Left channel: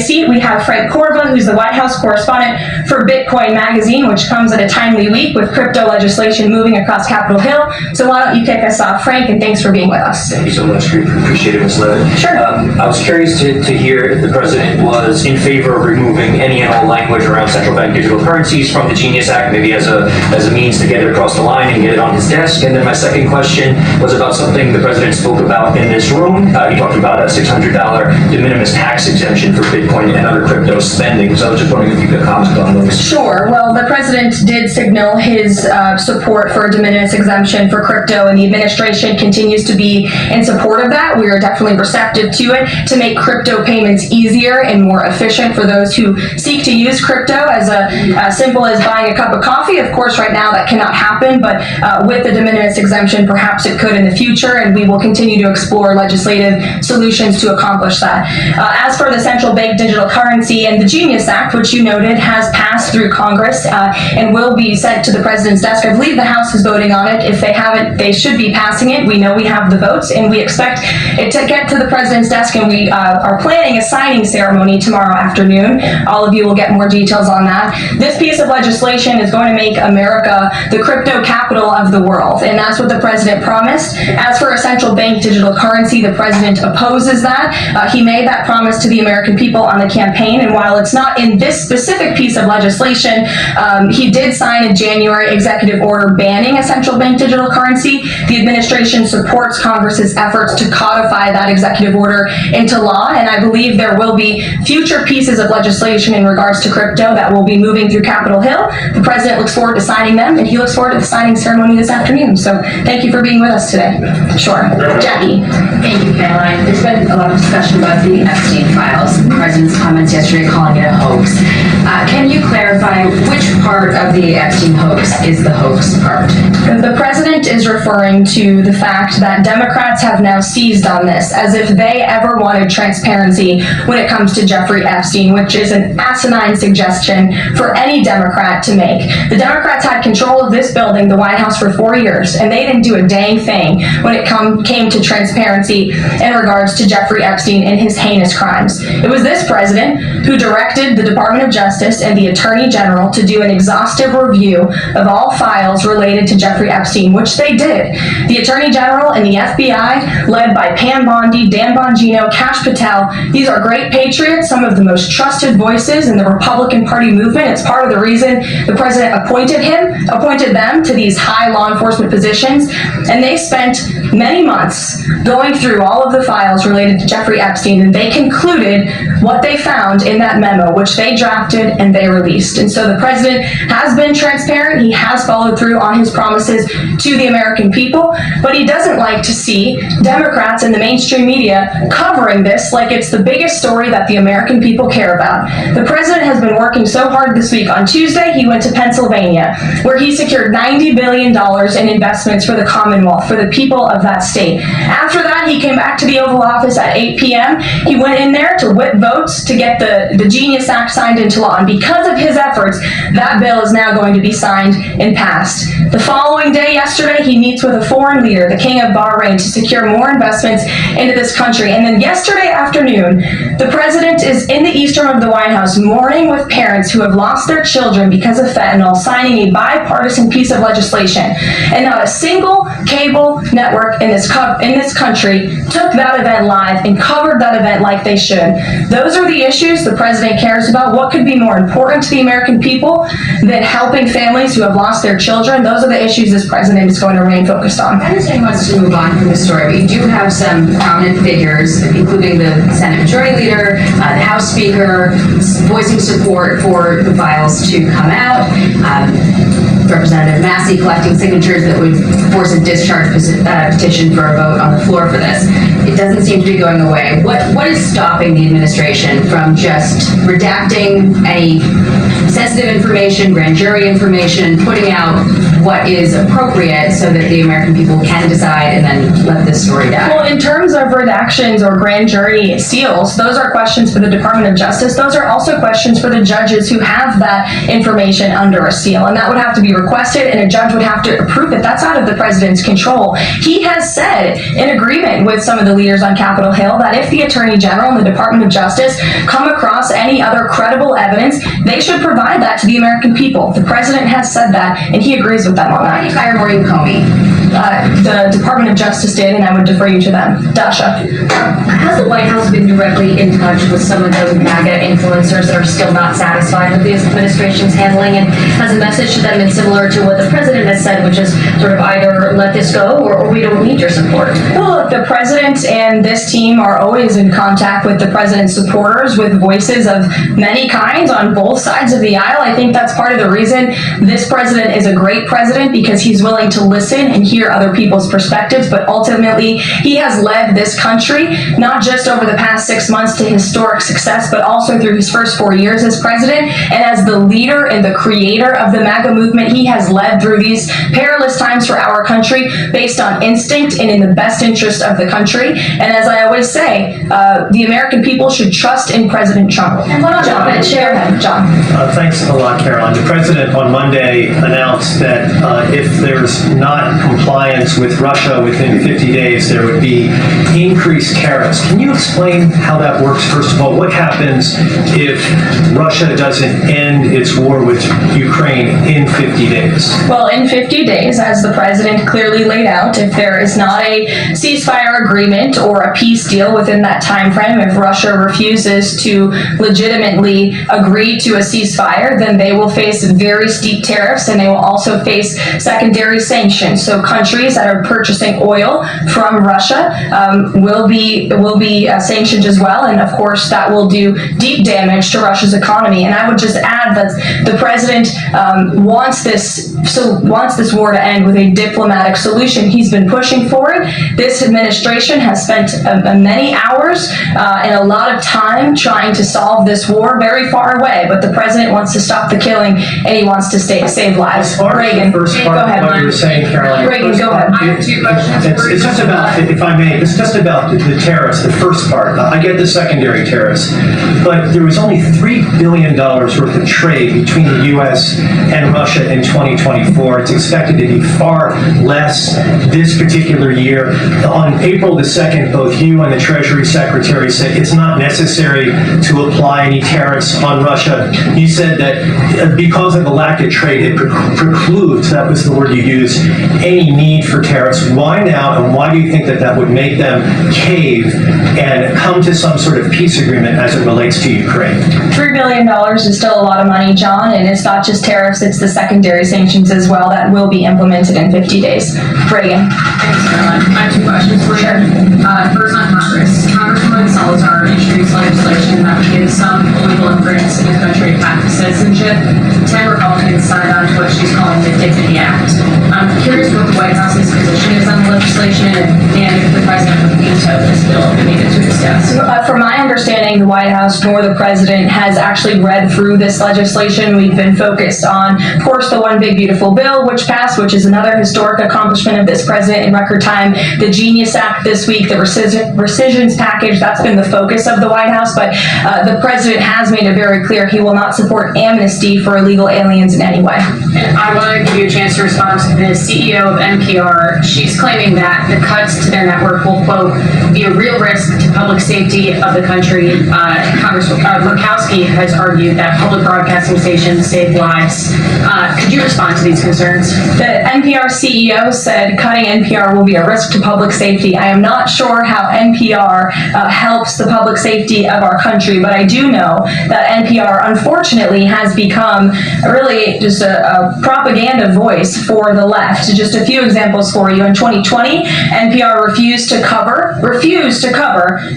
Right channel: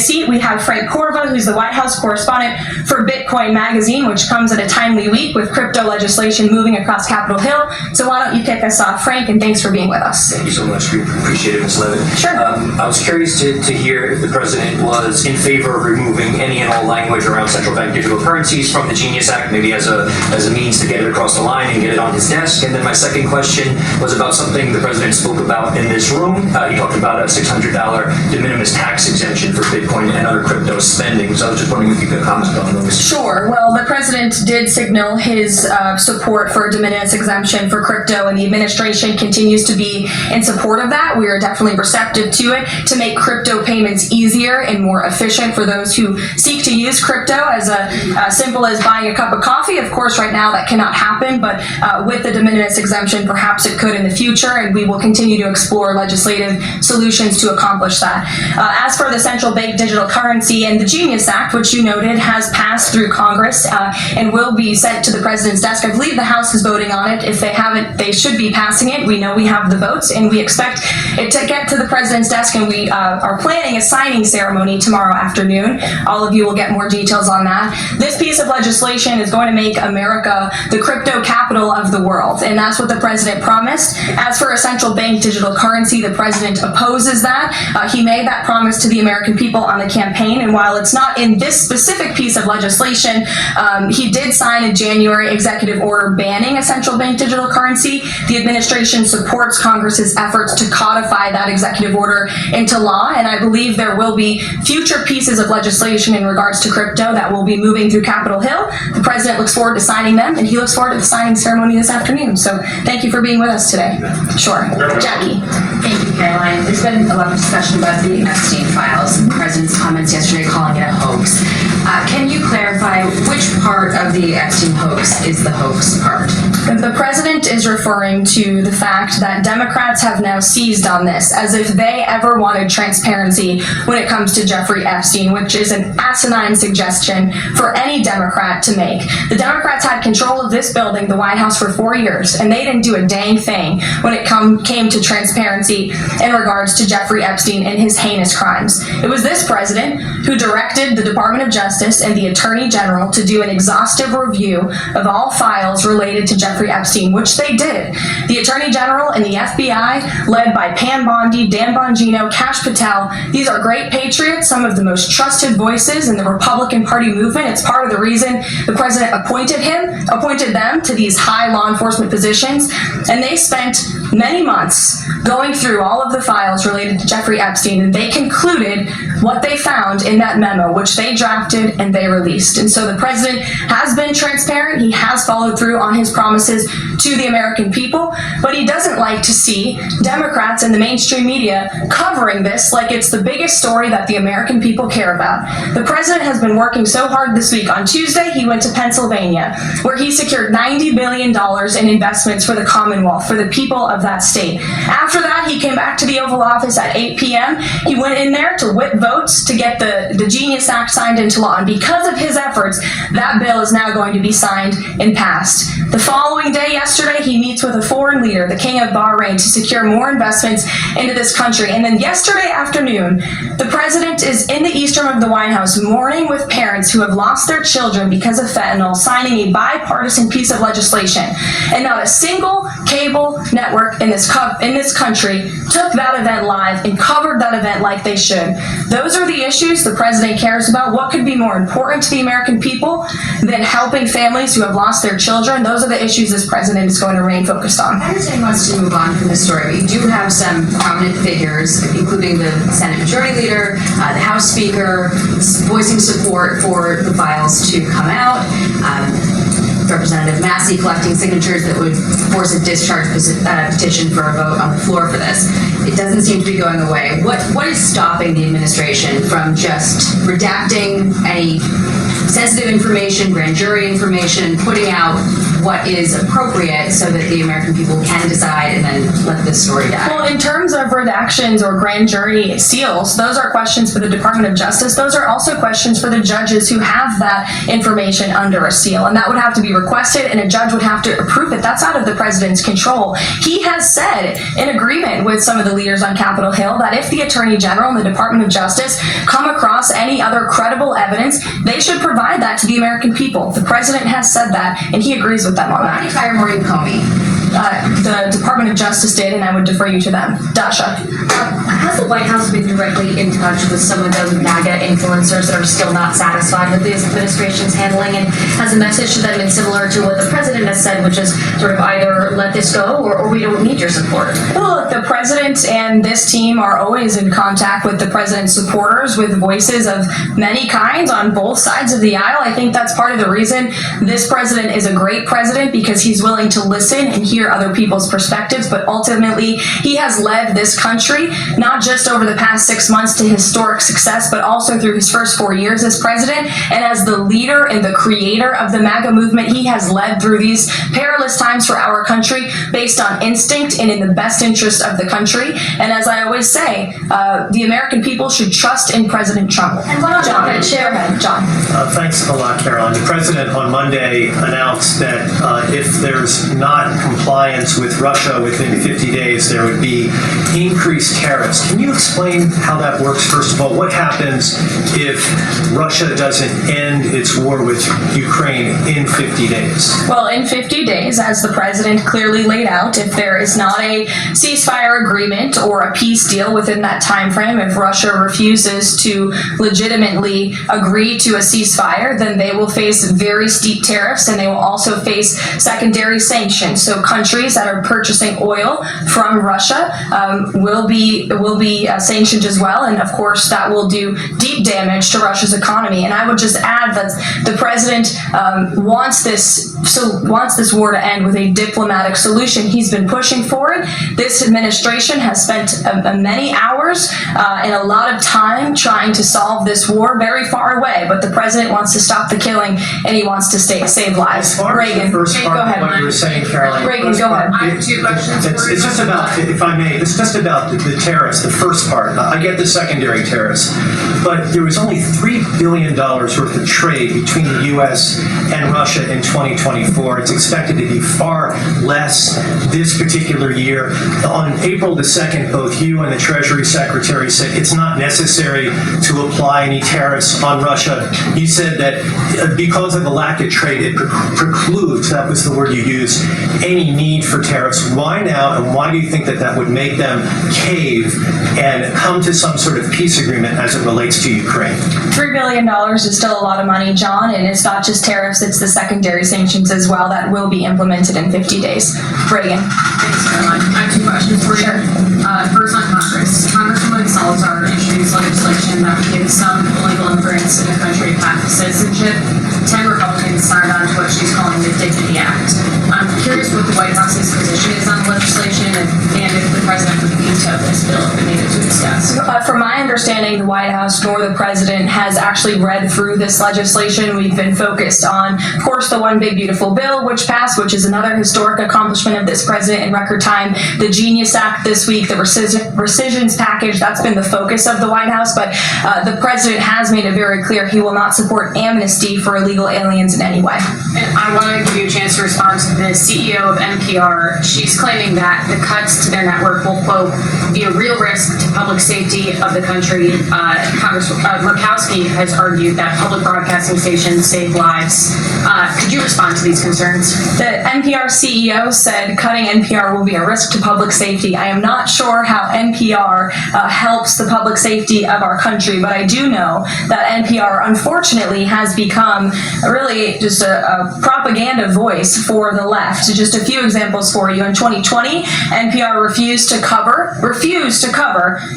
seat, we have Frank Corva, who's the White House correspondent for Bitcoin Magazine, which comes at a timely week with crypto legislation moving across Capitol Hill. So why don't you kick us off, Frank, and thanks for being with us. Thank you so much. We appreciate it, Ms. Leavitt. Sure. I was curious to hear if the president was in favor of removing any and all language around central bank digital currencies from the Genius Act, maybe as a means to get it across the line and get it on his desk. And then my second question was about something the president spoke about in this room. He talked about a $600 de minimis tax exemption for Bitcoin and other crypto spending. So I was just wondering if you could comment on those. Sure. Well, the president did signal his support for a de minimis exemption for crypto, and the administration continues to be in support of that. We are definitely receptive to it to make crypto payments easier and more efficient for those who seek to use crypto as simple as buying a cup of coffee. Of course, right now that cannot happen, but with the de minimis exemption, perhaps it could in the future, and we will continue to explore legislative solutions to accomplish that. As for the central bank digital currency and the Genius Act, which you noted has passed through Congress and will be sent to the president's desk. I believe the House is voting on it. If they haven't, they should be passing it. We know we have the votes, and we expect it to get to the president's desk, and we are planning a signing ceremony tomorrow afternoon. All of you will get more details on that. This piece of legislation is going to make America the crypto capital of the world, and that's what the president promised. As for a central bank digital currency, the president opposes that. He made that promise to the American people on the campaign, and while it's not in this specific piece of legislation, he did sign a January executive order banning a central bank digital currency. The administration supports Congress's efforts to codify that executive order into law, and I believe there will be future pieces of legislation in regards to crypto that will be moving through Capitol Hill. The president looks forward to signing them, and he looks forward to the signing ceremony this afternoon. So thank you for being with us today. Sure. Jackie. Thank you, Caroline. There's been a lot of discussion about the Epstein files, the president's comments yesterday calling it a hoax. Can you clarify which part of the Epstein hoax is the hoax part? The president is referring to the fact that Democrats have now seized on this as if they ever wanted transparency when it comes to Jeffrey Epstein, which is an asinine suggestion for any Democrat to make. The Democrats had control of this building, the White House, for 4 years, and they didn't do a dang thing when it came to transparency in regards to Jeffrey Epstein and his heinous crimes. It was this president who directed the Department of Justice and the Attorney General to do an exhaustive review of all files related to Jeffrey Epstein, which they did. The Attorney General and the FBI, led by Pam Bondi, Dan Bongino, Kash Patel, these are great patriots, some of the most trusted voices in the Republican Party movement. It's part of the reason the president appointed them to these high law enforcement positions, and they spent many months going through all of the files related to Jeffrey Epstein, and they concluded what they found in that memo, which they drafted and they released. And so the president has been transparent. He has followed through on his promises to the American people, but he doesn't like to see Democrats in the mainstream media covering this like it's the biggest story that the American people care about. The president has been working so hard this week. On Tuesday, he went to Pennsylvania, where he secured $90 billion in investments for the Commonwealth, for the people of that state. After that, he came back to the Oval Office at 8 p.m. He went in there to whip votes to get the Genius Act signed into law. And because of his efforts, that bill is now going to be signed and passed. The following day, yesterday, he meets with a foreign leader, the King of Bahrain, to secure more investments into this country. And then yesterday afternoon, the president is in the East Room of the White House mourning with parents who have lost their children because of fentanyl, signing a bipartisan piece of legislation. And not a single cable network in this country took that event live and covered that event like they should. Those are the issues the president cares about. What could be more important to the American people than helping families who have lost their children? Those are the issues this president is going to remain focused on. I understand he wants to move on from this story, but you do have some prominent figures, including the Senate Majority Leader, the House Speaker, voicing support for the files to come out. Representative Massey collecting signatures that would force a discharge petition for a vote on the floor for this. It doesn't seem to be going away. What is stopping the administration from just redacting any sensitive information, grand jury information, putting out what is appropriate so that the American people can decide and then let this story die? Well, in terms of redactions or grand jury seals, those are questions for the Department of Justice. Those are also questions for the judges who have that information under a seal, and that would have to be requested, and a judge would have to approve it. That's out of the president's control. He has said, in agreement with some of the leaders on Capitol Hill, that if the Attorney General and the Department of Justice come across any other credible evidence, they should provide that to the American people. The president has said that, and he agrees with them on Why did that. you fire Maureen Comey? The Department of Justice did, and I would defer you to them. Dasha. Has the White House been directly in touch with some of the MAGA influencers that are still not satisfied with the administration's handling? And has the message to them been similar to what the president has said, which is sort of either let this go or we don't need your support? Well, look, the president and this team are always in contact with the president's supporters, with voices of many kinds on both sides of the aisle. I think that's part of the reason this president is a great president, because he's willing to listen and hear other people's perspectives, but ultimately he has led this country not just over the past 6 months to historic success, but also through his first 4 years as president. And as the leader and the creator of the MAGA movement, he has led through these perilous times for our country based on instinct and in the best interest of the country. And as I always say, the American people should trust in President Trump. And what on John, Autopen, Chair? go ahead, John. Thanks a lot, Caroline. The president on Monday announced that if there's not compliance with Russia within 50 days, there would be increased tariffs. Can you explain how that works? First of all, what happens if Russia doesn't end its war with Ukraine in 50 days? Well, in 50 days, as the president clearly laid out, if there is not a ceasefire agreement or a peace deal within that time frame, if Russia refuses to legitimately agree to a ceasefire, then they will face very steep tariffs, and they will also face secondary sanctions. So countries that are purchasing oil from Russia will be sanctioned as well, and of course that will do deep damage to Russia's economy. And I would just add that the president wants this war to end with a diplomatic solution. He's been pushing for it. This administration has spent many hours and a lot of time trying to solve this war very far away, but the president wants to stop the killing, and he wants to save lives. Reagan, Go ahead. what you were saying, Caroline. Reagan, go ahead. I have two questions for you. It's just about, if I may, it's just about the tariffs, the first part. I get the secondary tariffs, but there was only $3 billion worth of trade between the U.S. and Russia in 2024. It's expected to be far less this particular year. On April the 2nd, both you and the Treasury Secretary said it's not necessary to apply any tariffs on Russia. You said that because of the lack of trade, it precludes, that was the word you used, any need for tariffs. Why now, and why do you think that that would make them cave and come to some sort of peace agreement as it relates to Ukraine? $3 billion is still a lot of money, John, and it's not just tariffs, it's the secondary sanctions as well that will be implemented in 50 days. Reagan. Thanks, Caroline. I have two questions for you. First on Congress. Congresswoman Salazar introduced legislation that would give some illegal immigrants in the country path to citizenship. 10 Republicans signed on to what she's calling the Dignity Act. I'm curious what the White House's position is on the legislation and if the president would veto this bill if it needed to discuss. From my understanding, the White House nor the president has actually read through this legislation. We've been focused on, of course, the One Big Beautiful Bill, which passed, which is another historic accomplishment of this president in record time. The Genius Act this week, the rescissions package, that's been the focus of the White House. But the president has made it very clear he will not support amnesty for illegal aliens in any way. And I want to give you a chance to respond to the CEO of NPR. She's claiming that the cuts to their network will, quote, be a real risk to public safety of the country. Congressman Murkowski has argued that public broadcasting stations save lives. Could you respond to these concerns? The NPR CEO said cutting NPR will be a risk to public safety. I am not sure how NPR helps the public safety of our country, but I do know that NPR, unfortunately, has become really just a propaganda voice for the left. Just a few examples for you. In 2020, NPR refused to cover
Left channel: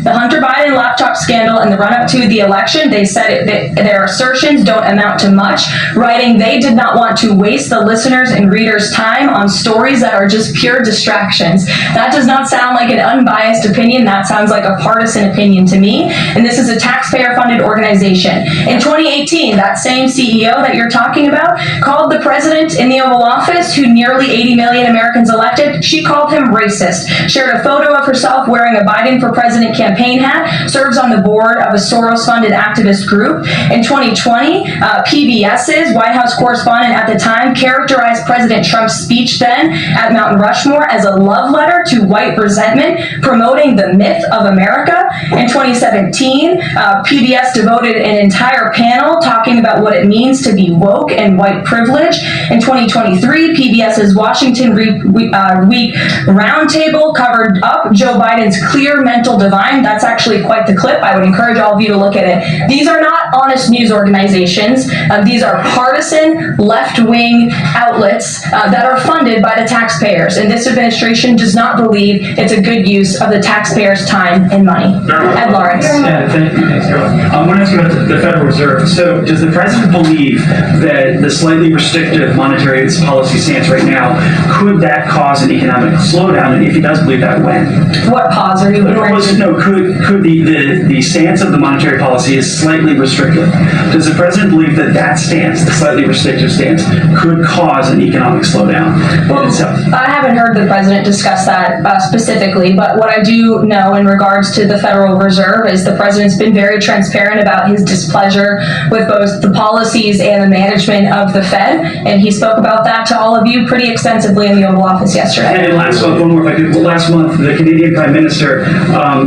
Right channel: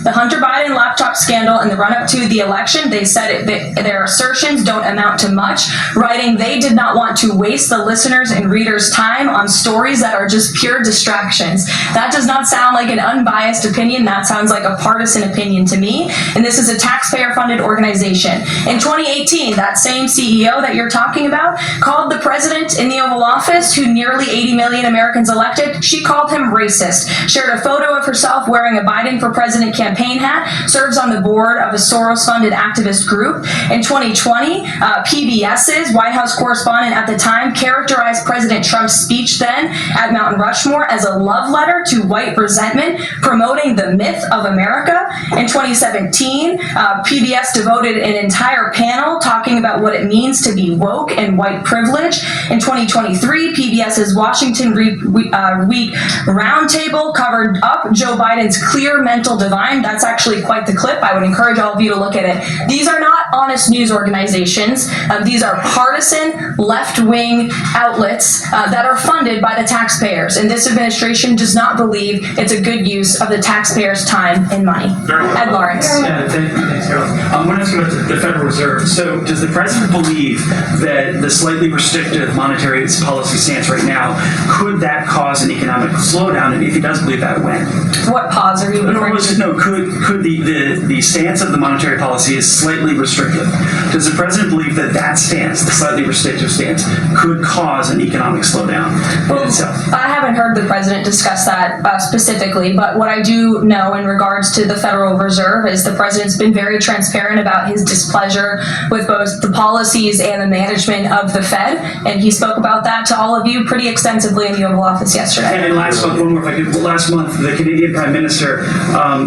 the Hunter Biden laptop scandal and the run-up to the election. They said that their assertions don't amount to much, writing they did not want to waste the listeners' and readers' time on stories that are just pure distractions. That does not sound like an unbiased opinion. That sounds like a partisan opinion to me. And this is a taxpayer-funded organization. In 2018, that same CEO that you're talking about called the president in the Oval Office, who nearly 80 million Americans elected, she called him racist, shared a photo of herself wearing a Biden for President campaign hat, serves on the board of a Soros-funded activist group. In 2020, PBS's White House correspondent at the time characterized President Trump's speech then at Mount Rushmore as a love letter to white resentment, promoting the myth of America. In 2017, PBS devoted an entire panel talking about what it means to be woke and white privilege. In 2023, PBS's Washington Week Roundtable covered up Joe Biden's clear mental divide. That's actually quite the clip. I would encourage all of you to look at it. These are not honest news organizations. These are partisan, left-wing outlets that are funded by the taxpayers. And this administration does not believe it's a good use of the taxpayers' time and money. Ed Lawrence. Yeah, thank you. Thanks, Carol. I want to ask you about the Federal Reserve. So does the president believe that the slightly restrictive monetary policy stance right now, could that cause an economic slowdown? And if he does believe that, when? What pause are you referring to? No, could the stance of the monetary policy is slightly restrictive? Does the president believe that that stance, the slightly restrictive stance, could cause an economic slowdown in itself? I haven't heard the president discuss that specifically, but what I do know in regards to the Federal Reserve is the president's been very transparent about his displeasure with both the policies and the management of the Fed, and he spoke about that to all of you pretty extensively in the Oval Office yesterday. And last month, one more if I could. Last month, the Canadian Prime Minister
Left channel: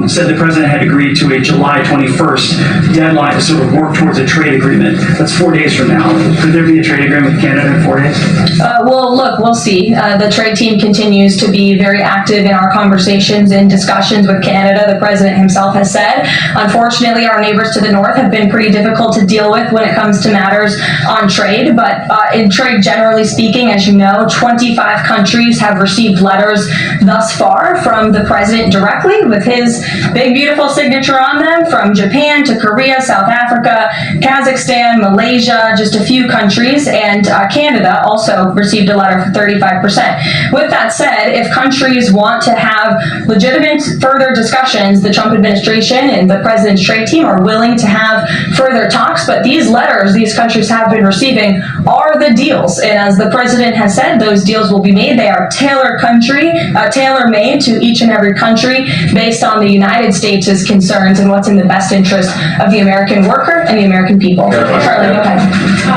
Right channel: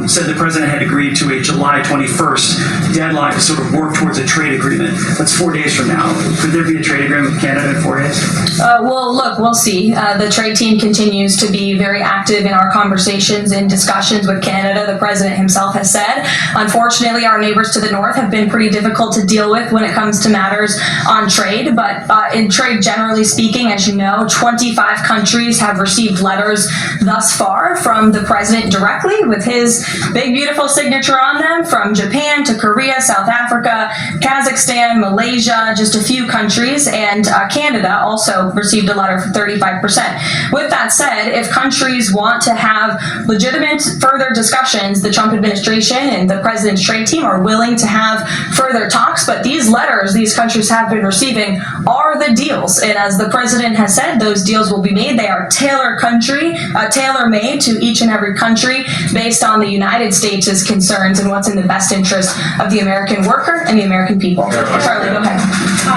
said the president had agreed to a July 21st deadline to sort of work towards a trade agreement. That's 4 days from now. Could there be a trade agreement with Canada in 4 days? Well, look, we'll see. The trade team continues to be very active in our conversations and discussions with Canada. The president himself has said, unfortunately, our neighbors to the north have been pretty difficult to deal with when it comes to matters on trade. But in trade, generally speaking, as you know, 25 countries have received letters thus far from the president directly with his big, beautiful signature on them, from Japan to Korea, South Africa, Kazakhstan, Malaysia, just a few countries, and Canada also received a letter for 35%. With that said, if countries want to have legitimate further discussions, the Trump administration and the president's trade team are willing to have further talks, but these letters these countries have been receiving are the deals. And as the president has said, those deals will be made. They are tailor-made to each and every country based on the United States' concerns and what's in the best interest of the American worker and the American people. Charlie, go ahead.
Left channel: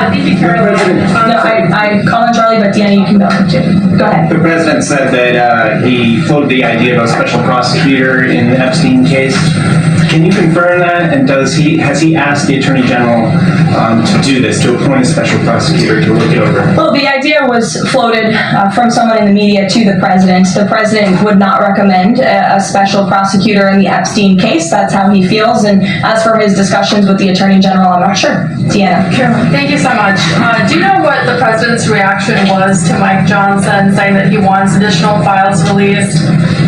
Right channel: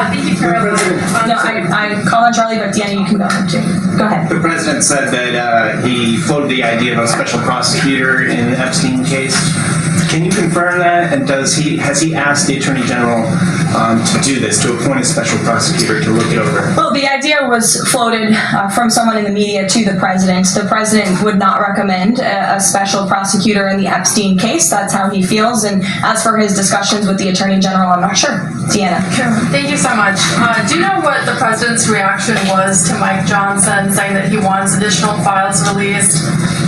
Thank you, Karoline. No, I call on Charlie, but Deanna, you can go too. Go ahead. The president said that he floated the idea of a special prosecutor in the Epstein case. Can you confirm that? And has he asked the Attorney General to do this, to appoint a special prosecutor to look it over? Well, the idea was floated from someone in the media to the president. The president would not recommend a special prosecutor in the Epstein case. That's how he feels. And as for his discussions with the Attorney General, I'm not sure. Deanna. Thank you so much. Do you know what the president's reaction was to Mike Johnson saying that he wants additional files released,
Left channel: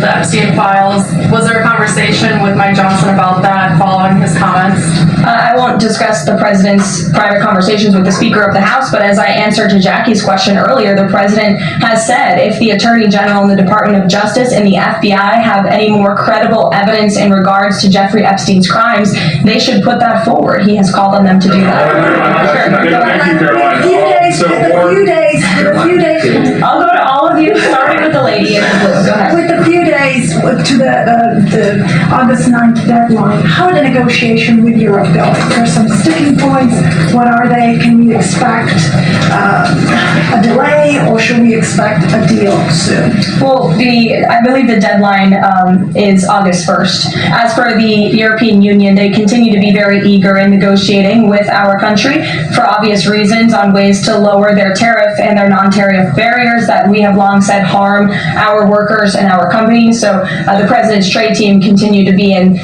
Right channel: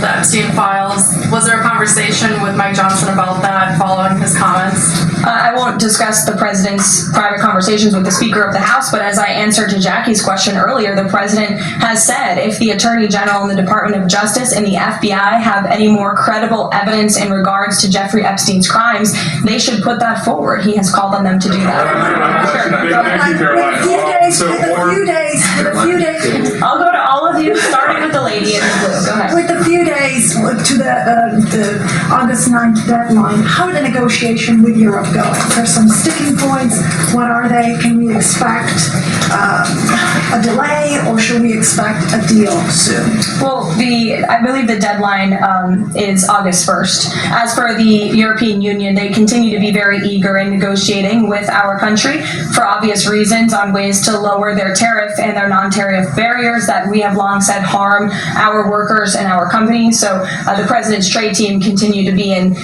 the Epstein files? Was there a conversation with Mike Johnson about that following his comments? I won't discuss the president's prior conversations with the Speaker of the House, but as I answered to Jackie's question earlier, the president has said if the Attorney General and the Department of Justice and the FBI have any more credible evidence in regards to Jeffrey Epstein's crimes, they should put that forward. He has called on them to do that. Thank you, Caroline. A few days. I'll go to all of you, starting with the lady in blue. Go ahead. With a few days to the August 9th deadline, how are the negotiations with Europe going? There's some sticking points. What are they? Can we expect a delay, or should we expect a deal soon? Well, I believe the deadline is August 1st. As for the European Union, they continue to be very eager in negotiating with our country for obvious reasons on ways to lower their tariff and their non-tariff barriers that we have long said harm our workers and our companies. So the president's trade team continue to be in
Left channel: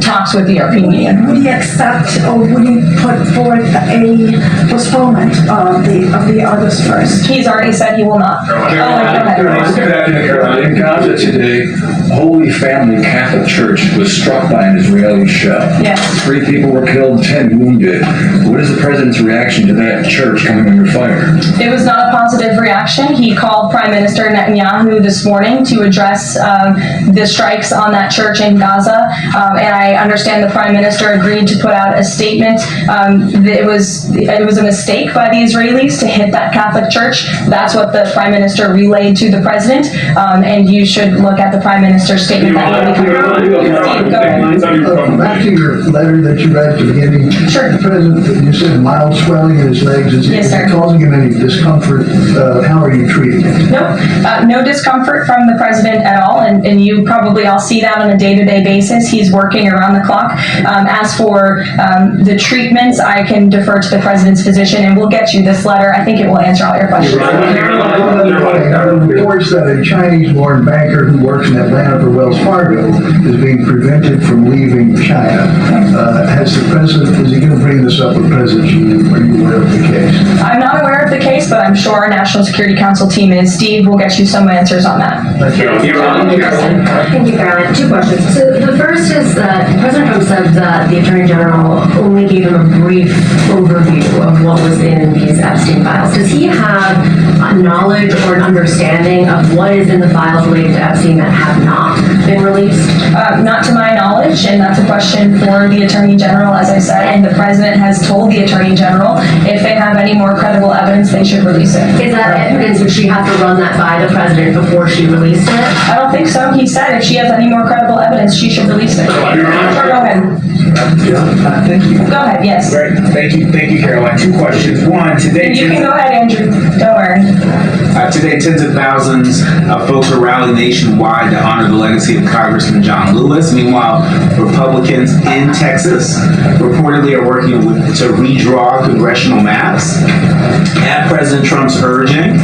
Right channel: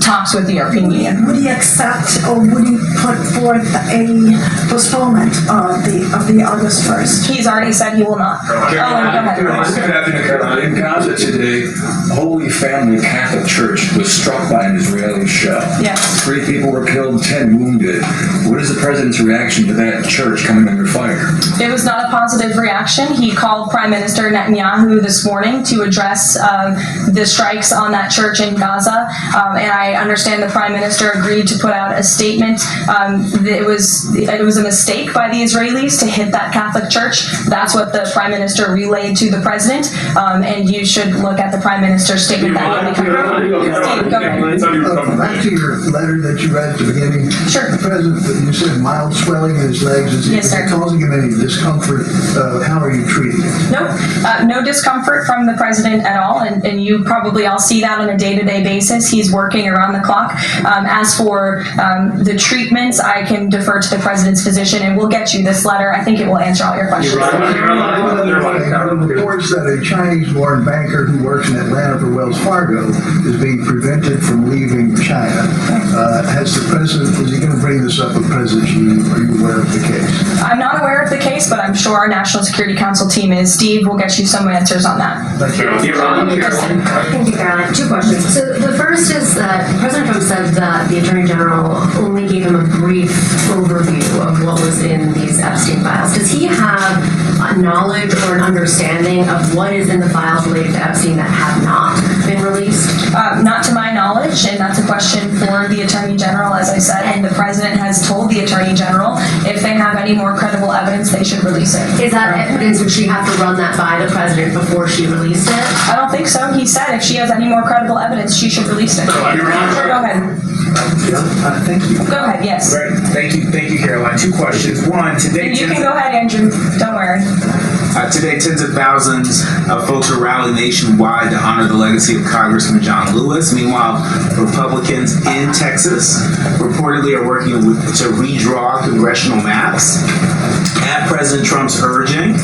talks with the European Union. Would he accept, or would he put forth a postponement of the August 1st? He's already said he will not. Good afternoon, Caroline. In Gaza today, Holy Family Catholic Church was struck by an Israeli shell. Yes. 3 people were killed, 10 wounded. What is the president's reaction to that church coming under fire? It was not a positive reaction. He called Prime Minister Netanyahu this morning to address the strikes on that church in Gaza, and I understand the Prime Minister agreed to put out a statement. It was a mistake by the Israelis to hit that Catholic church. That's what the Prime Minister relayed to the President, and you should look at the Prime Minister's statement that will be coming out. Steve, go ahead. After your letter that you read at the beginning, Sure. the President, you said mild swelling in his legs. Is Yes, sir. it causing him any discomfort? How are you treating it? No discomfort from the President at all, and you probably all see that on a day-to-day basis. He's working around the clock. As for the treatments, I can defer to the President's physician, and we'll get you this letter. I think it will answer all your questions. Reports that a Chinese-born banker who works in Atlanta for Wells Fargo is being prevented from leaving China. Is he going to bring this up with President Xi? Are you aware of the case? I'm not aware of the case, but I'm sure our National Security Council team is. Steve will get you some answers on that. Thank you, Karoline. 2 questions. So the first is that President Trump said that the Attorney General only gave him a brief overview of what was in these Epstein files. Does he have a knowledge or an understanding of what is in the files related to Epstein that have not been released? Not to my knowledge, and that's a question for the Attorney General, as I said, and the President has told the Attorney General if they have any more credible evidence, they should release it. Is that evidence, would she have to run that by the President before she released it? I don't think so. He said if she has any more credible evidence, she should release it. Go ahead. Thank you. Go ahead, yes. Great. Thank you, Caroline. 2 questions. One, today. You can go ahead, Andrew. Don't worry. Today, tens of thousands of folks are rallying nationwide to honor the legacy of Congressman John Lewis. Meanwhile, Republicans in Texas reportedly are working to redraw congressional maps at President Trump's urging.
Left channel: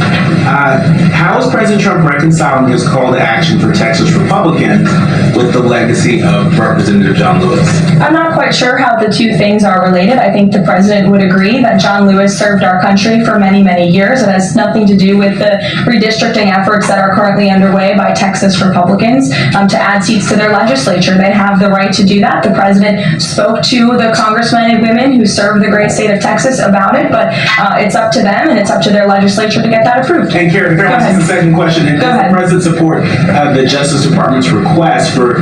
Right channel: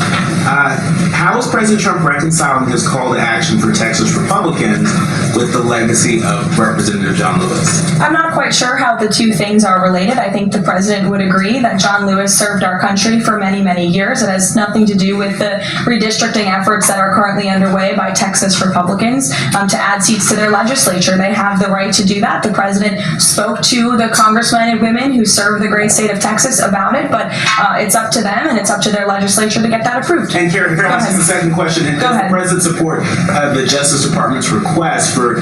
How is President Trump reconciling his call to action for Texas Republicans with the legacy of Representative John Lewis? I'm not quite sure how the 2 things are related. I think the President would agree that John Lewis served our country for many, many years. It has nothing to do with the redistricting efforts that are currently underway by Texas Republicans to add seats to their legislature. They have the right to do that. The President spoke to the congressmen and women who serve the great state of Texas about it, but it's up to them and it's up to their legislature to get that approved. And Karen, can I ask the second question? And does the President support the Justice Department's request for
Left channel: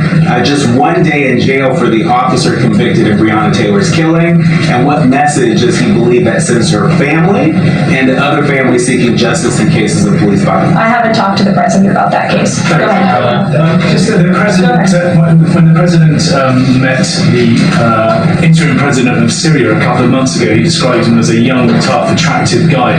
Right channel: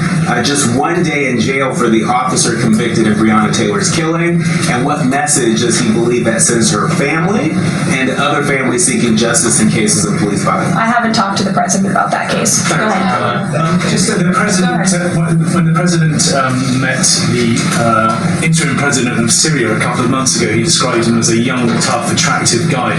just 1 day in jail for the officer convicted of Breonna Taylor's killing? And what message does he believe that sends to her family and to other families seeking justice in cases of police violence? I haven't talked to the President about that case. Go ahead. Just that the President, when the President met the interim President of Syria a couple of months ago, he described him as a young, tough, attractive guy.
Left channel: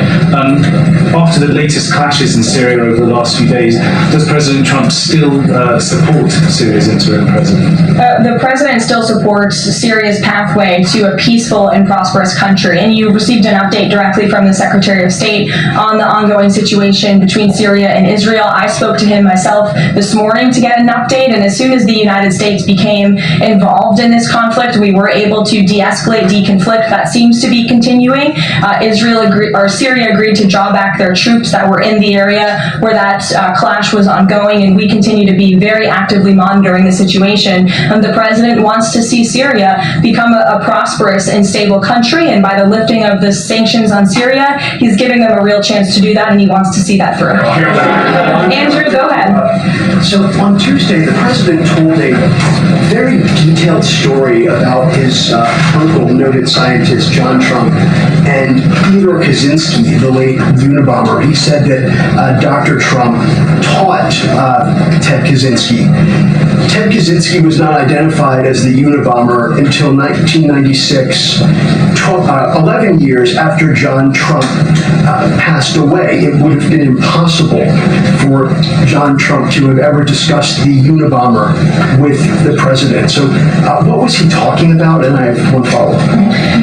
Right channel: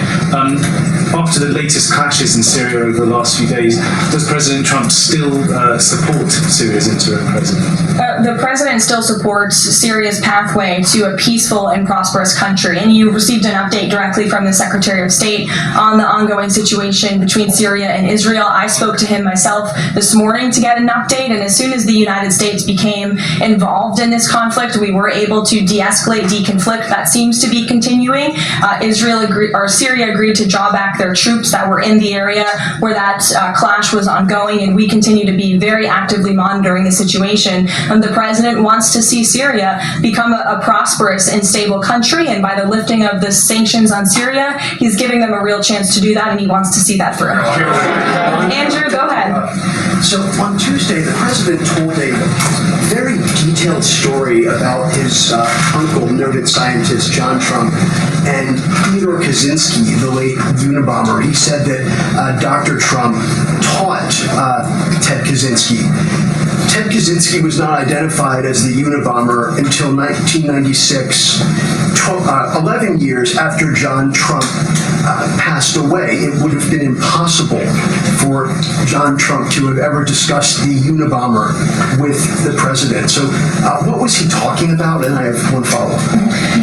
After the latest clashes in Syria over the last few days, does President Trump still support Syria's interim president? The President still supports Syria's pathway to a peaceful and prosperous country, and you received an update directly from the Secretary of State on the ongoing situation between Syria and Israel. I spoke to him myself this morning to get an update, and as soon as the United States became involved in this conflict, we were able to de-escalate, deconflict. That seems to be continuing. Syria agreed to draw back their troops that were in the area where that clash was ongoing, and we continue to be very actively monitoring the situation. The President wants to see Syria become a prosperous and stable country, and by the lifting of the sanctions on Syria, he's giving them a real chance to do that, and he wants to see that through. Andrew, go ahead. So on Tuesday, the President told a very detailed story about his uncle, noted scientist John Trump, and Theodore Kazinski, the late Unabomber. He said that Dr. Trump taught Ted Kazinski. Ted Kazinski was not identified as the Unabomber until 1996, 11 years after John Trump passed away. It would have been impossible for John Trump to have ever discussed the Unabomber with the president. So what was he talking about? And I have one follow-up.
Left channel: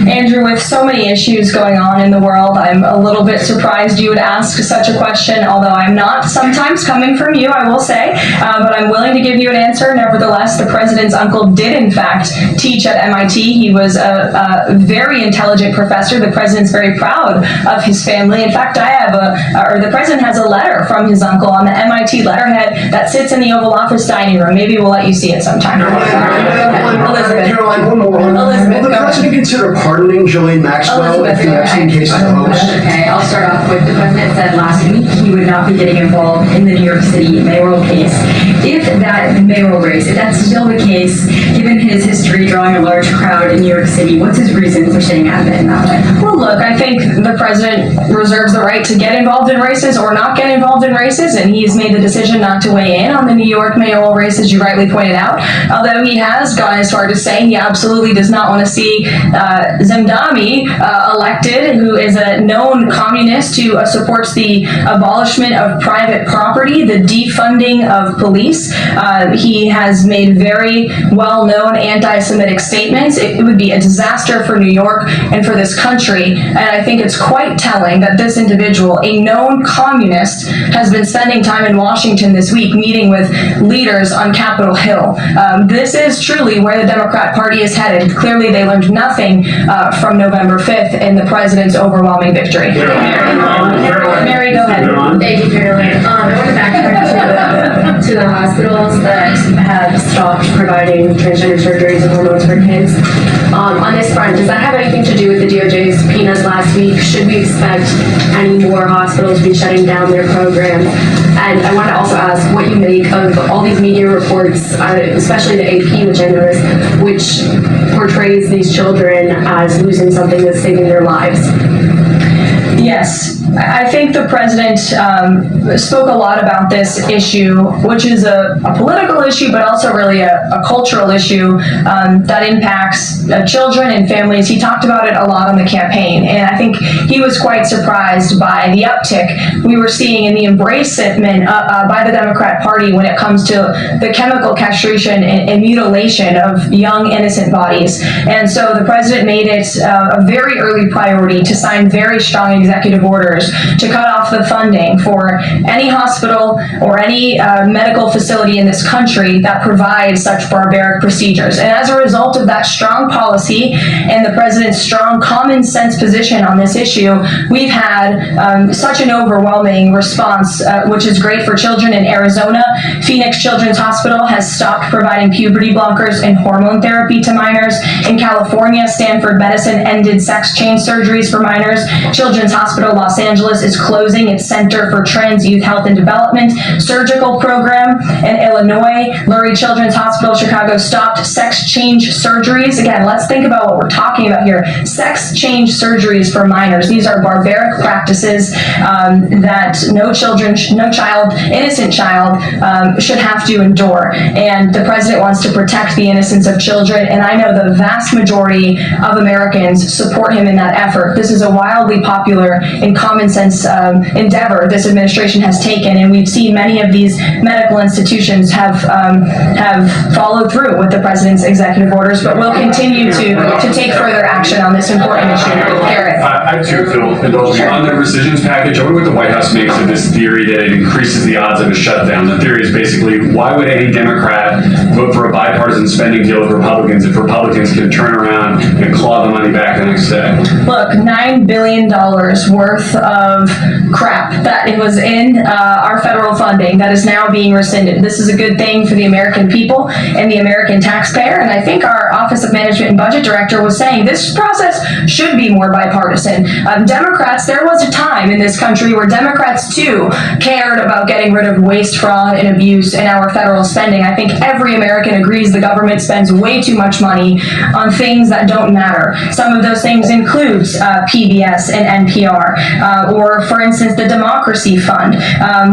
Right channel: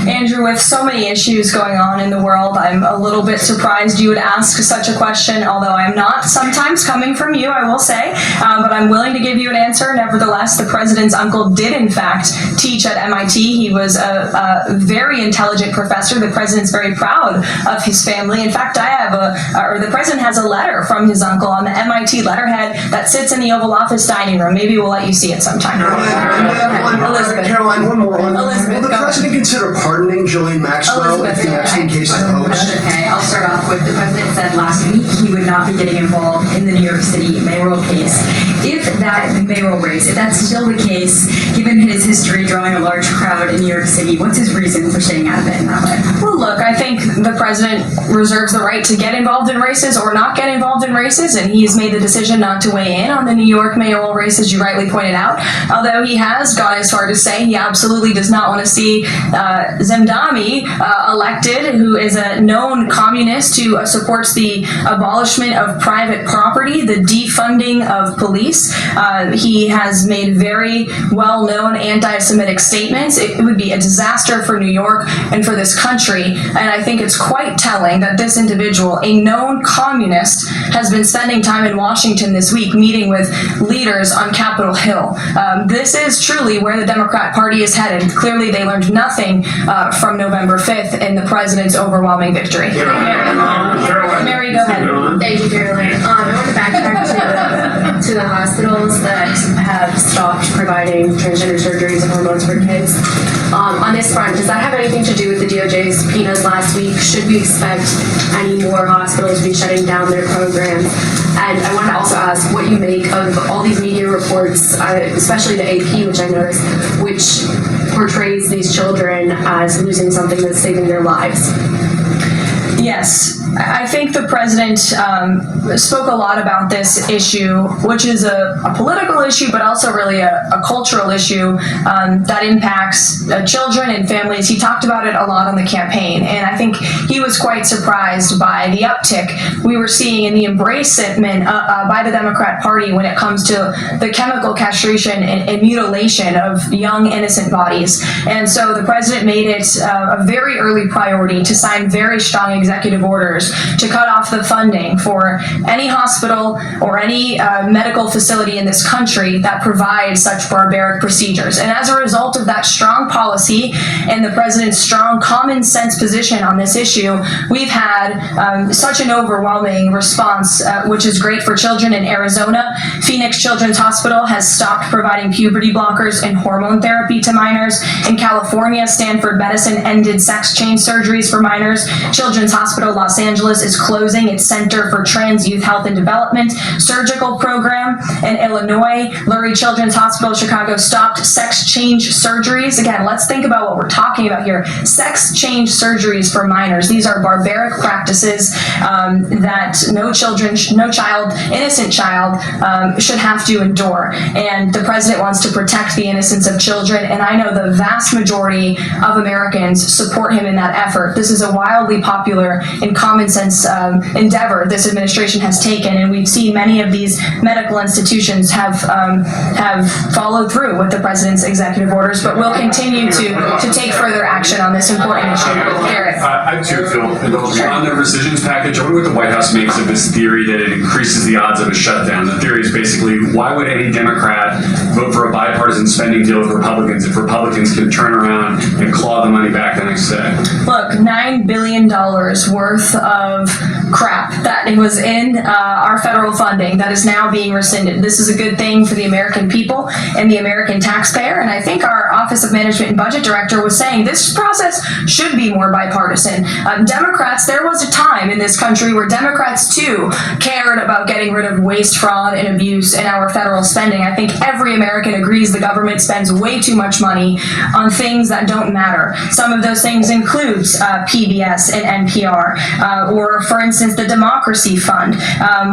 Andrew, with so many issues going on in the world, I'm a little bit surprised you would ask such a question, although I'm not sometimes coming from you, I will say, but I'm willing to give you an answer. Nevertheless, the president's uncle did, in fact, teach at MIT. He was a very intelligent intelligent professor. The president's very proud of his family. In fact, the president has a letter from his uncle on the MIT letterhead that sits in the Oval Office dining room. Maybe we'll let you see it sometime. Elizabeth. Caroline, one more. Elizabeth, Will the president consider pardoning Ghislaine Maxwell if the Epstein case is a hoax? Okay, I'll start off with the president said last week he would not be getting involved in the New York City mayoral case. If that mayoral race, if that's still the case, given his history drawing a large crowd in New York City, what's his reason for staying out of it in that way? Well, look, I think the president reserves the right to get involved in races or not get involved in races, and he's made the decision not to weigh in on the New York mayoral race, as you rightly pointed out. Although he has gone as far to say he absolutely does not want to see Zemdami elected, who is a known communist who supports the abolishment of private property, the defunding of police. He has made very well-known anti-Semitic statements. It would be a disaster for New York and for this country. And I think it's quite telling that this individual, a known communist, has been spending time in Washington this week meeting with leaders on Capitol Hill. This is truly where the Democrat Party is headed. Clearly, they learned nothing from November 5th in the president's overwhelming victory. Mary, go ahead. Thank you, Caroline. I want to backtrack to the hospitals that have stopped providing transgender surgeries and hormones for kids. On this front, does that have anything to do with the DOJ's subpoenas last week? Should we expect any more hospitals to be shutting down their programs? And I want to also ask what you make of all these media reports, especially the AP, which I noticed, which portrays these children as losing something that's saving their lives. Yes, I think the president spoke a lot about this issue, which is a political issue, but also really a cultural issue that impacts children and families. He talked about it a lot on the campaign, and I think he was quite surprised by the uptick we were seeing in the embracement by the Democrat Party when it comes to the chemical castration and mutilation of young, innocent bodies. And so the president made it a very early priority to sign very strong executive orders to cut off the funding for any hospital or any medical facility in this country that provides such barbaric procedures. And as a result of that strong policy and the president's strong common sense position on this issue, we've had such an overwhelming response, which is great for children in Arizona. Phoenix Children's Hospital has stopped providing puberty blockers and hormone therapy to minors. In California, Stanford Medicine ended sex change surgeries for minors. Children's Hospital Los Angeles is closing its Center for Trans Youth Health and Development surgical program. In Illinois, Lurie Children's Hospital Chicago stopped sex change surgeries. Again, let's think about what we're talking about here. Sex change surgeries for minors. These are barbaric practices that no child, innocent child, should have to endure. And the president wants to protect the innocence of children, and I know the vast majority of Americans support him in that effort. This is a wildly popular and common sense endeavor this administration has taken, and we've seen many of these medical institutions have followed through with the president's executive orders, but we'll continue to take further action on this important issue. Garrett. I have two, if you'll indulge me. On the rescissions package, I wonder what the White House makes of this theory that it increases the odds of a shutdown. The theory is basically, why would any Democrat vote for a bipartisan spending deal with Republicans if Republicans can turn around and claw the money back the next day? Look, $9 billion worth of crap that it was in our federal funding that is now being rescinded. This is a good thing for the American people and the American taxpayer, and I think our Office of Management and Budget Director was saying this process should be more bipartisan. Democrats, there was a time in this country where Democrats too cared about getting rid of waste, fraud, and abuse in our federal spending. I think every American agrees the government spends way too much money on things that don't matter. Some of those things includes PBS and NPR, or for instance, the Democracy Fund,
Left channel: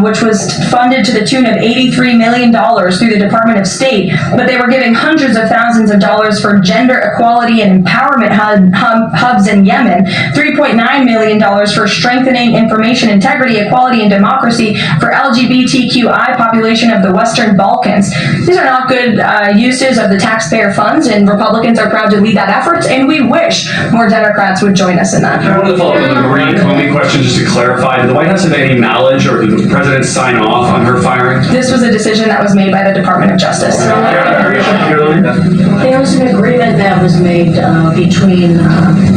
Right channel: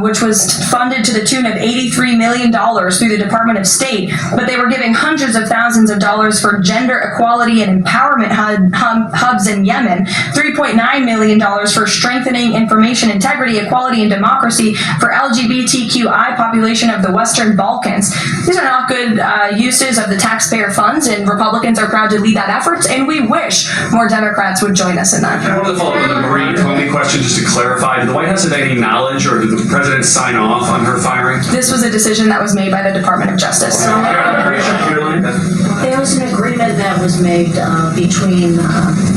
which was funded to the tune of $83 million through the Department of State, but they were giving hundreds of thousands of dollars for gender equality and empowerment hubs in Yemen, $3.9 million for strengthening information integrity, equality, and democracy for LGBTQI population of the Western Balkans. These are not good uses of the taxpayer funds, and Republicans are proud to lead that effort, and we wish more Democrats would join us in that. I want to follow up with a Marie Comey question just to clarify. Did the White House have any knowledge, or did the president sign off on her firing? This was a decision that was made by the Department of Justice. There was an agreement that was made between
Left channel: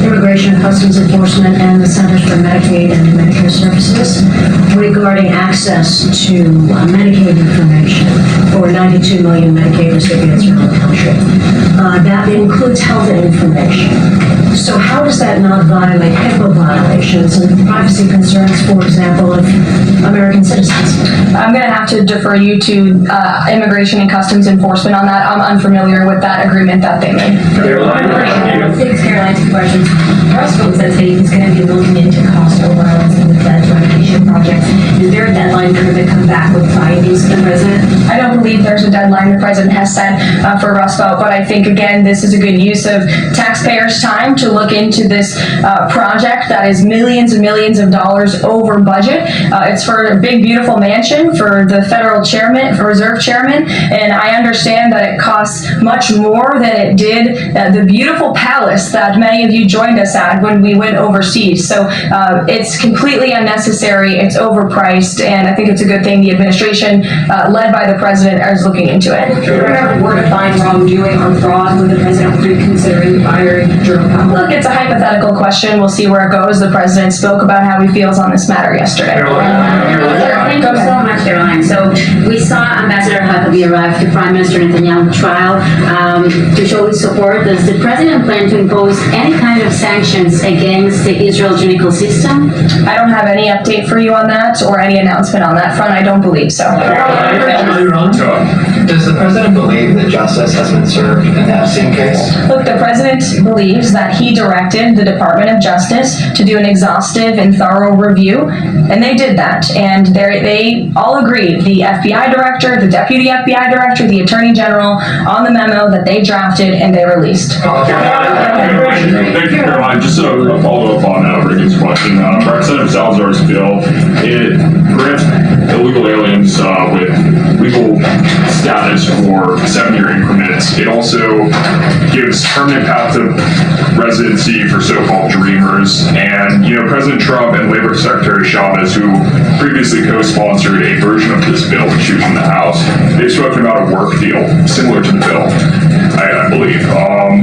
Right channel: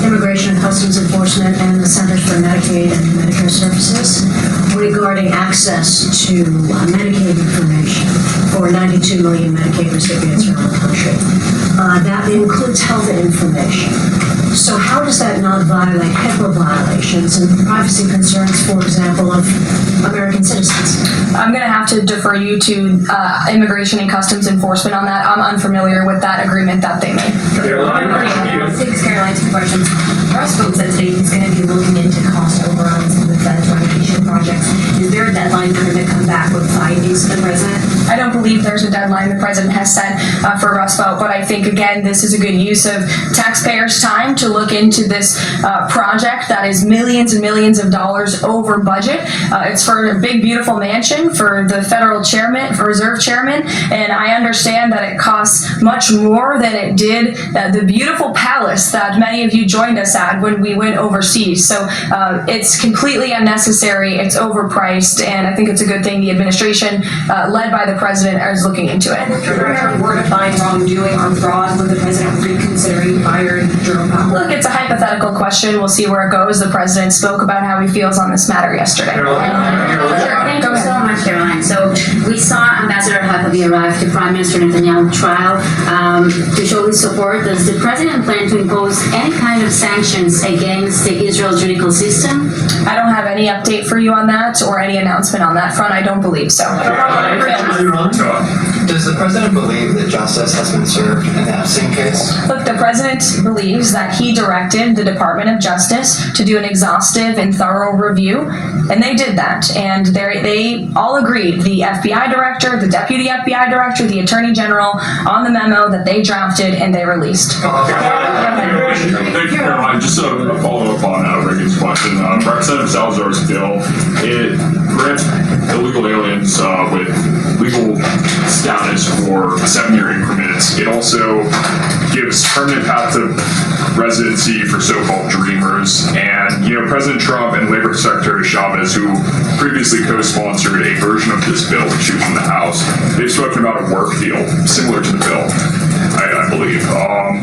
Immigration and Enforcement and the Centers for Medicaid and Medicare Services regarding access to Medicaid information for 92 million Medicaid recipients around the country. That includes health information. So how does that not violate HIPAA violations and privacy concerns, for example, of American citizens? I'm going to have to defer you to Immigration and Customs Enforcement on that. I'm unfamiliar with that agreement that they made. Thanks, Caroline. Two questions. Roosevelt says that he's going to be looking into cost overruns and the Fed's renovation projects. Is there a deadline for him to come back with findings to the president? I don't believe there's a deadline the president has set for Roosevelt, but I think, again, this is a good use of taxpayers' time to look into this project that is millions and millions of dollars over budget. It's for a big, beautiful mansion for the federal chairman, for reserve chairman, and I understand that it costs much more than it did the beautiful palace that many of you joined us at when we went overseas. So it's completely unnecessary, it's overpriced, and I think it's a good thing the administration, led by the president, is looking into it. If there were to find wrongdoing or fraud, would the president reconsider firing Jerome Powell? Look, it's a hypothetical question. We'll see where it goes. The president spoke about how he feels on this matter yesterday. Thank you so much, Caroline. So we saw Ambassador Huckabee arrive to Prime Minister Netanyahu's trial to show his support. Does the president plan to impose any kind of sanctions against the Israel judicial system? I don't have any update for you on that or any announcement on that front. I don't believe so. Does the president believe that justice has been served in the Epstein case? Look, the president believes that he directed the Department of Justice to do an exhaustive and thorough review, and they did that. And they all agreed, the FBI director, the deputy FBI director, the attorney general, on the memo that they drafted and they released. Thank you, Caroline. Just a follow-up on Reagan's question. Representative Salazar's bill, it grants illegal aliens with legal status for 7-year increments. It also gives permanent path to residency for so-called dreamers. And, President Trump and Labor Secretary Chavez, who previously co-sponsored a version of this bill, which she was in the House, they've spoken about a work deal similar to the bill, I believe.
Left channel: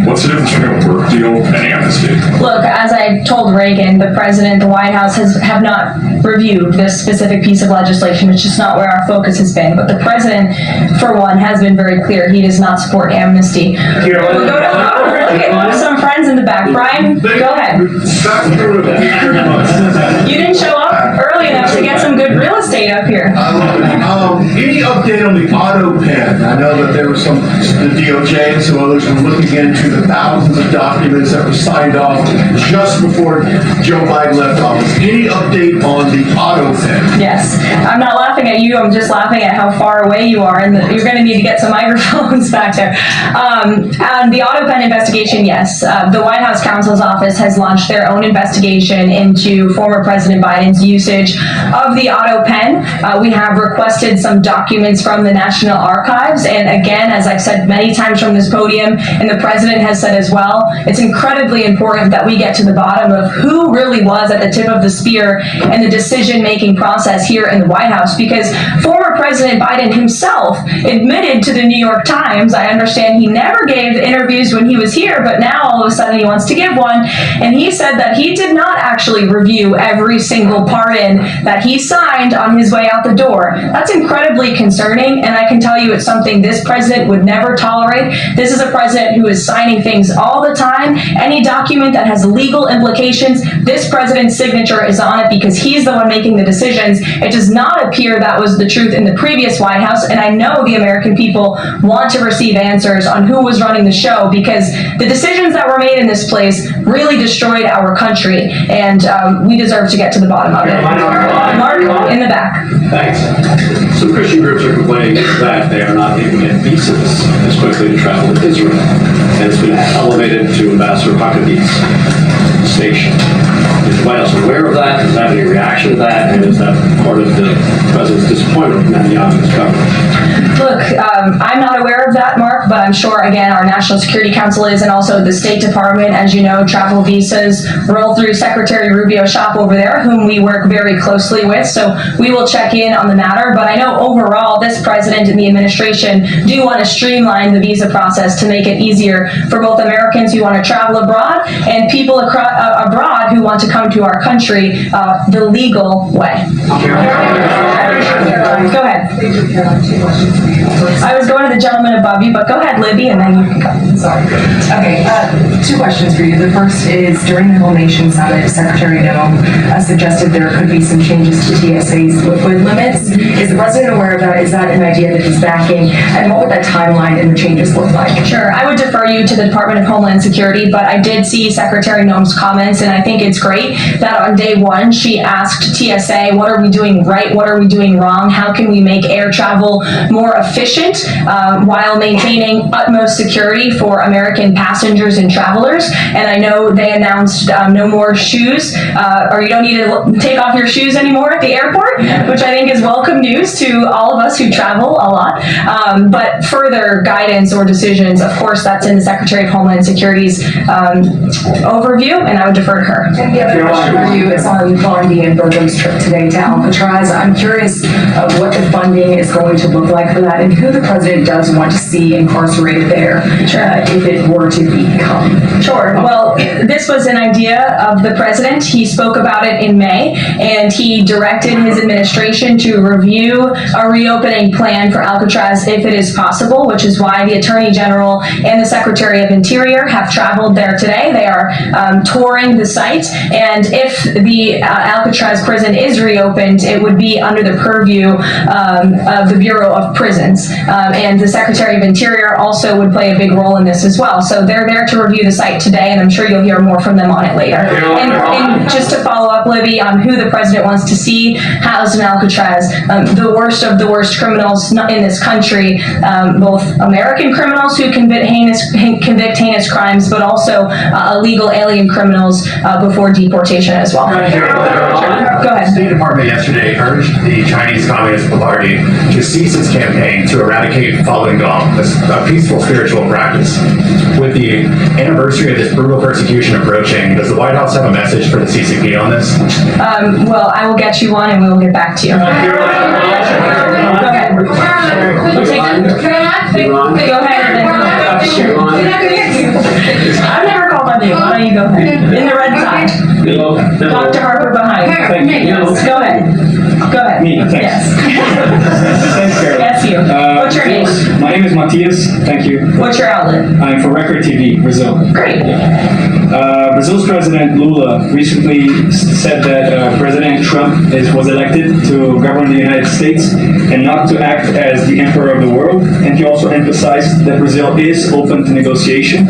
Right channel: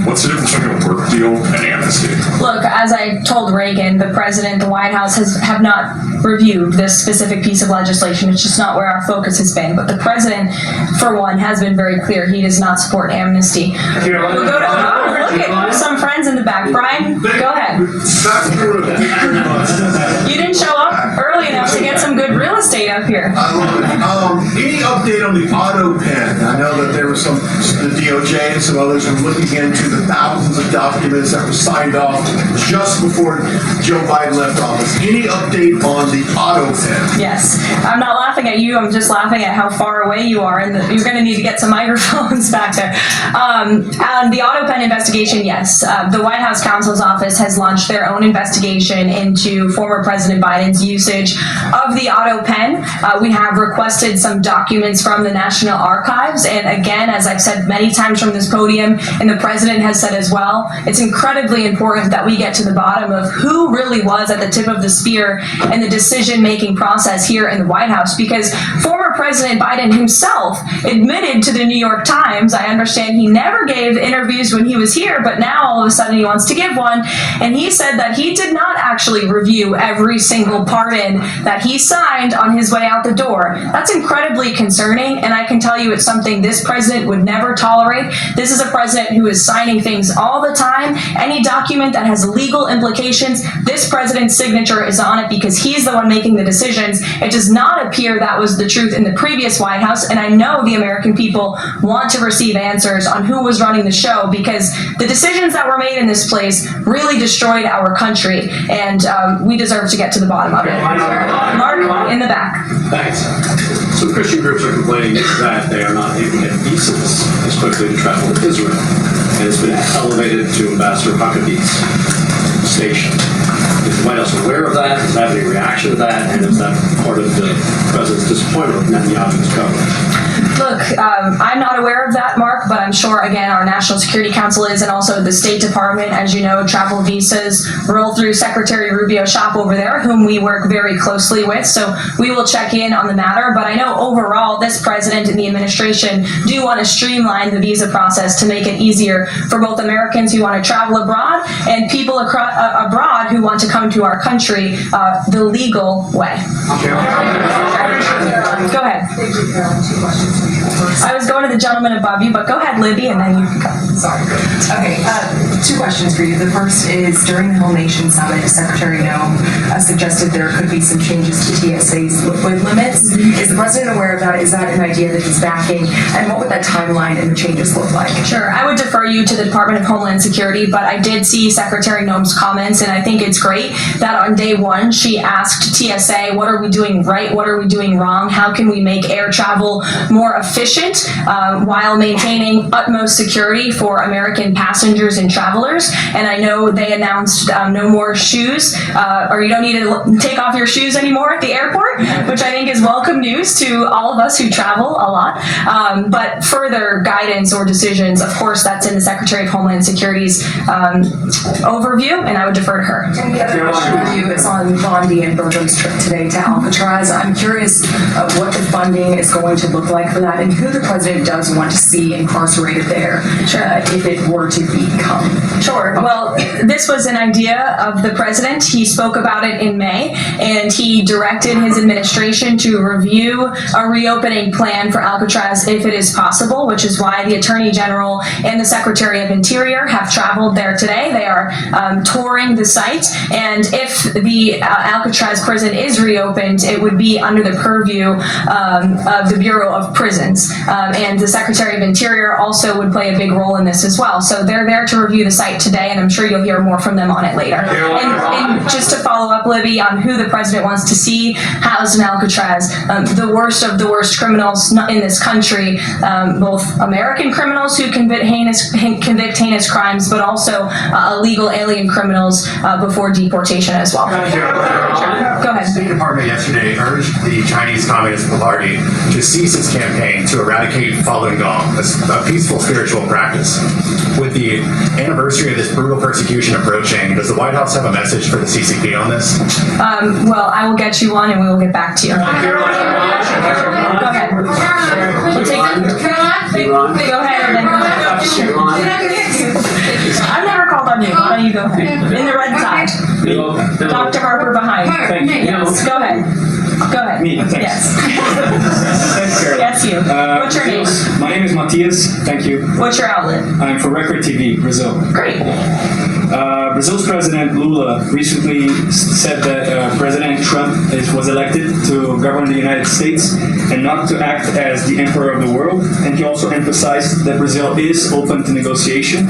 What's the difference between a work deal and amnesty? Look, as I told Reagan, the president, the White House have not reviewed this specific piece of legislation. It's just not where our focus has been. But the president, for one, has been very clear. He does not support amnesty. We'll go to some friends in the back. Brian, go ahead. You didn't show up early enough to get some good real estate up here. Any update on the Autopen? I know that there was the DOJ and some others were looking into the thousands of documents that were signed off just before Joe Biden left office. Any update on the Autopen? Yes. I'm not laughing at you. I'm just laughing at how far away you are, and you're going to need to get some microphones back there. The Autopen investigation, yes. The White House counsel's office has launched their own investigation into former President Biden's usage of the Autopen. We have requested some documents from the National Archives, and again, as I've said many times from this podium, and the president has said as well, it's incredibly important that we get to the bottom of who really was at the tip of the spear in the decision-making process here in the White House, because former President Biden himself admitted to the New York Times, I understand he never gave interviews when he was here, but now all of a sudden he wants to give one, and he said that he did not actually review every single pardon that he signed on his way out the door. That's incredibly concerning, and I can tell you it's something this president would never tolerate. This is a president who is signing things all the time. Any document that has legal implications, this president's signature is on it because he's the one making the decisions. It does not appear that was the truth in the previous White House, and I know the American people want to receive answers on who was running the show, because the decisions that were made in this place really destroyed our country, and we deserve to get to the bottom of it. Mark, in the back. Thanks. Some Christian groups are complaining that they are not able to get visas as quickly to travel to Israel, and it's been elevated to Ambassador Huckabee's station. Is the White House aware of that? Does that have any reaction to that? And is that part of the president's disappointment with Netanyahu's government? Look, I'm not aware of that, Mark, but I'm sure, again, our National Security Council is, and also the State Department, as As you know, travel visas roll through Secretary Rubio's shop over there, whom we work very closely with. So we will check in on the matter. But I know overall, this president and the administration do want to streamline the visa process to make it easier for both Americans who want to travel abroad and people abroad who want to come to our country the legal way. Go ahead. I was going to the gentleman above you, but go ahead, Libby, and then you can go. Sorry. Okay, two questions for you. The first is, during the Whole Nation Summit, Secretary Nome suggested there could be some changes to TSA's liquid limits. Is the president aware of that? Is that an idea that he's backing? And what would that timeline and the changes look like? Sure. I would defer you to the Department of Homeland Security, but I did see Secretary Nome's comments, and I think it's great that on day one, she asked TSA, what are we doing right? What are we doing wrong? How can we make air travel more efficient while maintaining utmost security for American passengers and travelers? And I know they announced no more shoes, or you don't need to take off your shoes anymore at the airport, which I think is welcome news to all of us who travel a lot. But further guidance or decisions, of course, that's in the Secretary of Homeland Security's overview, and I would defer to her. And the other question for you is on Bondi and Burgum's trip today to Alcatraz. I'm curious what the funding is going to look like for that, and who the president does want to see incarcerated there if it were to become. Sure. Well, this was an idea of the president. He spoke about it in May, and he directed his administration to review a reopening plan for Alcatraz if it is possible, which is why the Attorney General and the Secretary of Interior have traveled there today. They are touring the site, and if the Alcatraz prison is reopened, it would be under the purview of the Bureau of Prisons, and the Secretary of Interior also would play a big role in this as well. So they're there to review the site today, and I'm sure you'll hear more from them on it later. And just to follow up, Libby, on who the president wants to see housed in Alcatraz, the worst of the worst criminals in this country, both American criminals who convict heinous crimes, but also illegal alien criminals before deportation as well. Go ahead. The State Department yesterday urged the Chinese Communist Party to cease its campaign to eradicate Falun Gong, a peaceful spiritual practice. With the anniversary of this brutal persecution approaching, does the White House have a message for the CCP on this? Well, I will get you one, and we will get back to you. Go ahead. We'll take go ahead and then I've never called on you. Why don't you go ahead? In the red side. Dr. Harper behind. Yes. Go ahead. Go ahead. Me, thanks. Yes. Thanks, Carol. Yes, you. What's your name? My name is Matias. Thank you. What's your outlet? I'm for Record TV, Brazil. Great. Brazil's President Lula recently said that President Trump was elected to govern the United States and not to act as the emperor of the world. And he also emphasized that Brazil is open to negotiation.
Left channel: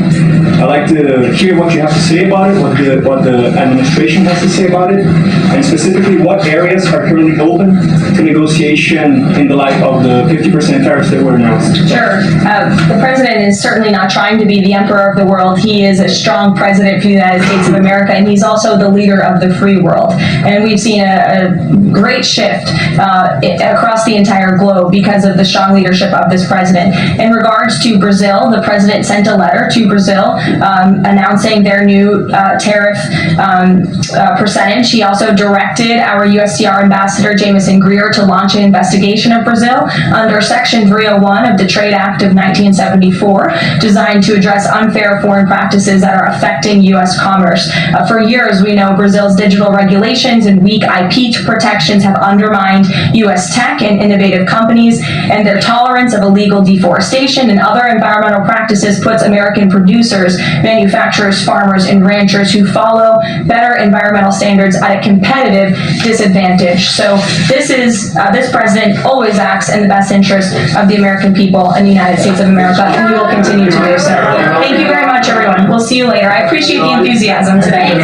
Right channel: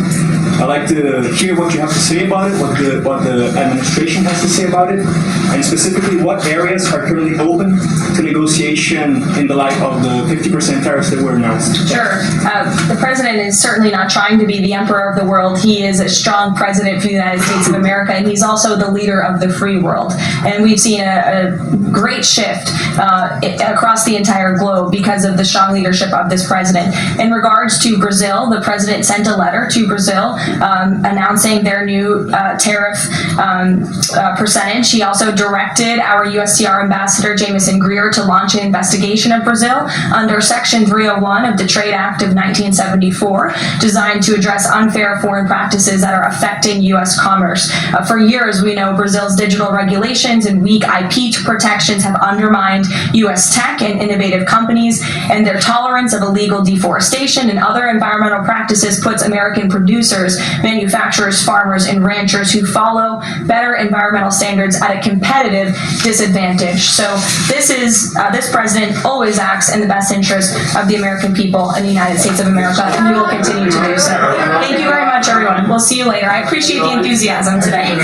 I'd like to hear what you have to say about it, what the administration has to say about it, and specifically what areas are currently open to negotiation in the light of the 50% tariffs that were announced. Sure. The president is certainly not trying to be the emperor of the world. He is a strong president for the United States of America, and he's also the leader of the free world. And we've seen a great shift across the entire globe because of the strong leadership of this president. In regards to Brazil, the president sent a letter to Brazil announcing their new tariff percentage. He also directed our USTR ambassador, Jameson Greer, to launch an investigation of Brazil under Section 301 of the Trade Act of 1974, designed to address unfair foreign practices that are affecting U.S. commerce. For years, we know Brazil's digital regulations and weak IP protections have undermined U.S. tech and innovative companies, and their tolerance of illegal deforestation and other environmental practices puts American producers, manufacturers, farmers, and ranchers who follow better environmental standards at a competitive disadvantage. So this president always acts in the best interest of the American people and the United States of America, and we will continue to do so. Thank you very much, everyone. We'll see you later. I appreciate the enthusiasm today.